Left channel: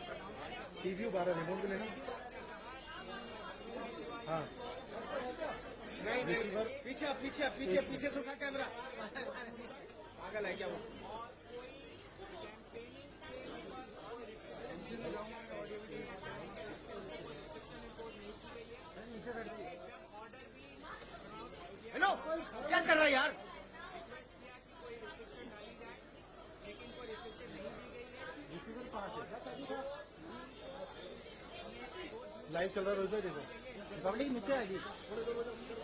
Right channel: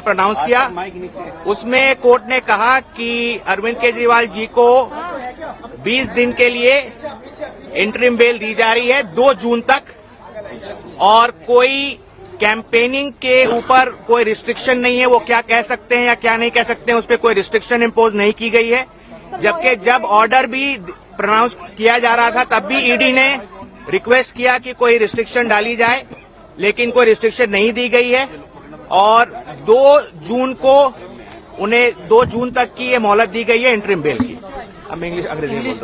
Pronounce किया, उसमें court ने कहा कि अरविंद केजरीवाल जी को 20 दिन के लिए इंटरिम बेल दी जा रही है 2 जून तक, और कोई कैंपेनिंग के ऊपर कोई रिस्ट्रिक्शन नहीं है, वो क्या कह सकते हैं या क्या नहीं कह सकते हैं उस पर कोई रिस्ट्रिक्शन इम्पोज नहीं की गई है। जबकि जब ऑर्डर भी प्रोनाउंस किया जा रहा था तब भी ईडी ने रिक्वेस्ट किया कि कोई रिस्ट्रिक्शन डाली जाए, लेकिन कोई रिस्ट्रिक्शन नहीं दी गई है। और 2 जून को उन्हें 2 जून तक की ये मोहलत दी गई है इंटरिम बेल की। अब इंग्लिश अंग्रेजी में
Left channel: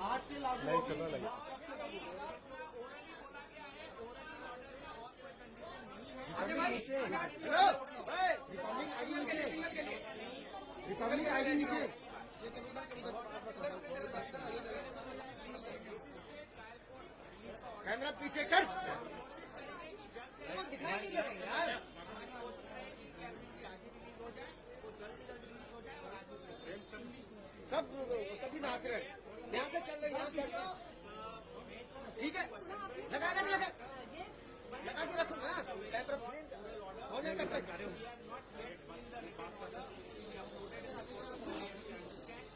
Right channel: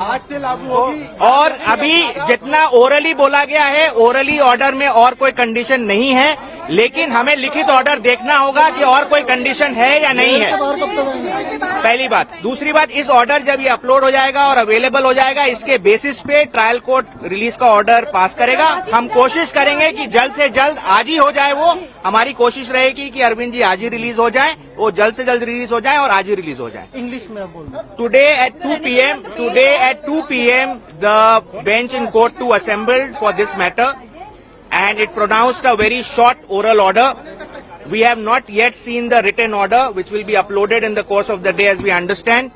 आज से लागू होगी। और अभी जितना ओरली बोला गया है, ओरली ऑर्डर में और कोई कंडीशन नहीं है, लेकिन हमें लिखित ऑर्डर देखना होगा कि और कोई कंडीशन है या नहीं है, पहली बात। दूसरी बात, इस ऑर्डर जब ये अपलोड हो जाएगा और अवेलेबल हो जाएगा, इसके बेसिस पे ट्रायल कोर्ट रिलीज का ऑर्डर पास करेगा। हम कोशिश करेंगे कि जल्द से जल्द आज ही हो जाए। वो हमारी कोशिश रहेगी कि अरविंद जी आज ही रिलीज हो जाए, वो जल्द से जल्द रिलीज हो जाए और आज ही रिलीज हो जाए। इंग्लिश में बोल। Today at 2 p.m. the bench in court 2 assembled for this matter, and it pronounced a very short oral order. We have not yet seen the written order, which will be uploaded in the course of the day as we understand.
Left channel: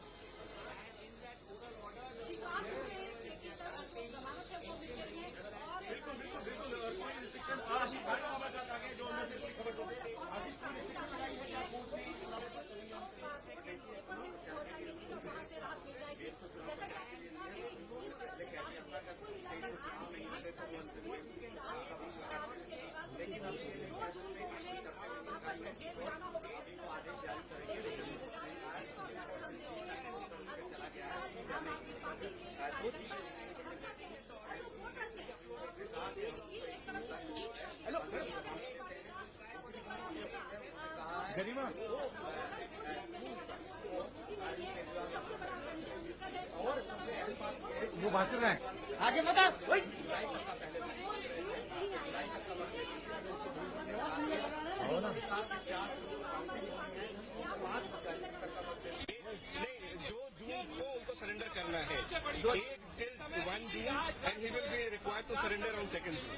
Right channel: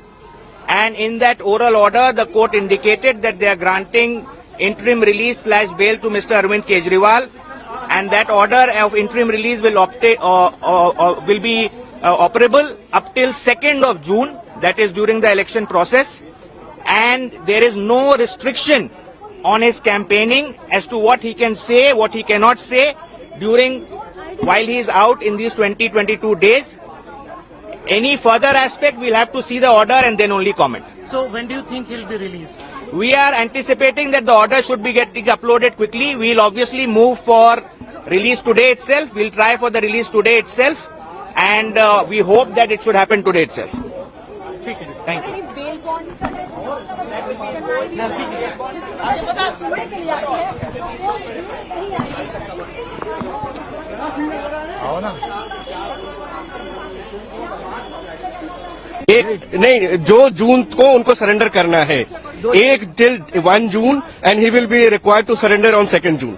And in that oral order, the court indicated that they are granting interim release / bail to Mr. Arvind Kejriwal, and that order of interim release will be operable up till 2nd of June. That is during the election process, and there is no restriction on his campaigning as to what he can say, what he cannot say while he is out in these 20-22 days. Any further aspect, we'll have to see the order and then only comment. So when do you think he'll be released? We are anticipating that the order should be getting uploaded quickly. We'll obviously move for release today itself. We'll try for the release today itself, and we hope that it should happen today itself. Thank you. एक नहीं, जो जून को उनको surrender करना है, 1 till 1 June, and he will be required to surrender on 2nd June.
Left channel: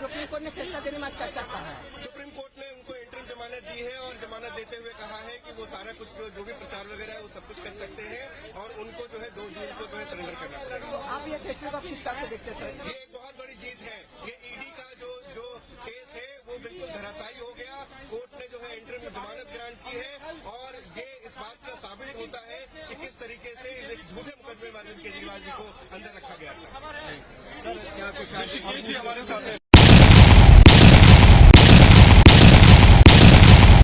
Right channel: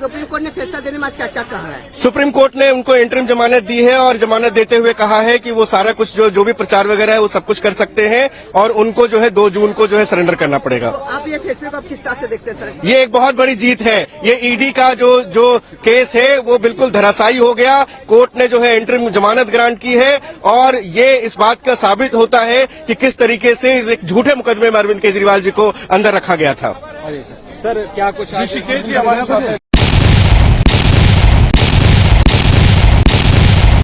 Supreme court ने फैसला देने में क्या क्या कहा है? सुप्रीम कोर्ट ने उनको इंटरिम जमानत दी है, और जमानत देते हुए कहा है कि वो सारा कुछ जो भी प्रचार वगैरह है वो सब कुछ कर सकते हैं, और उनको जो है 2 जून को जो है सरेंडर करना पड़ेगा। तो आप ये फैसले को किस तरह से देखते हैं सर? ये एक बहुत बड़ी जीत है। ये ईडी का जो केस है वो बिल्कुल धराशायी हो गया। कोर्ट ने जो है इंटरिम जमानत ग्रांट की है, और ये इस बात का साबित होता है कि किस तरीके से इस एक झूठे मुकदमे में अरविंद केजरीवाल जी को अंदर रखा गया था। सर क्या कुछ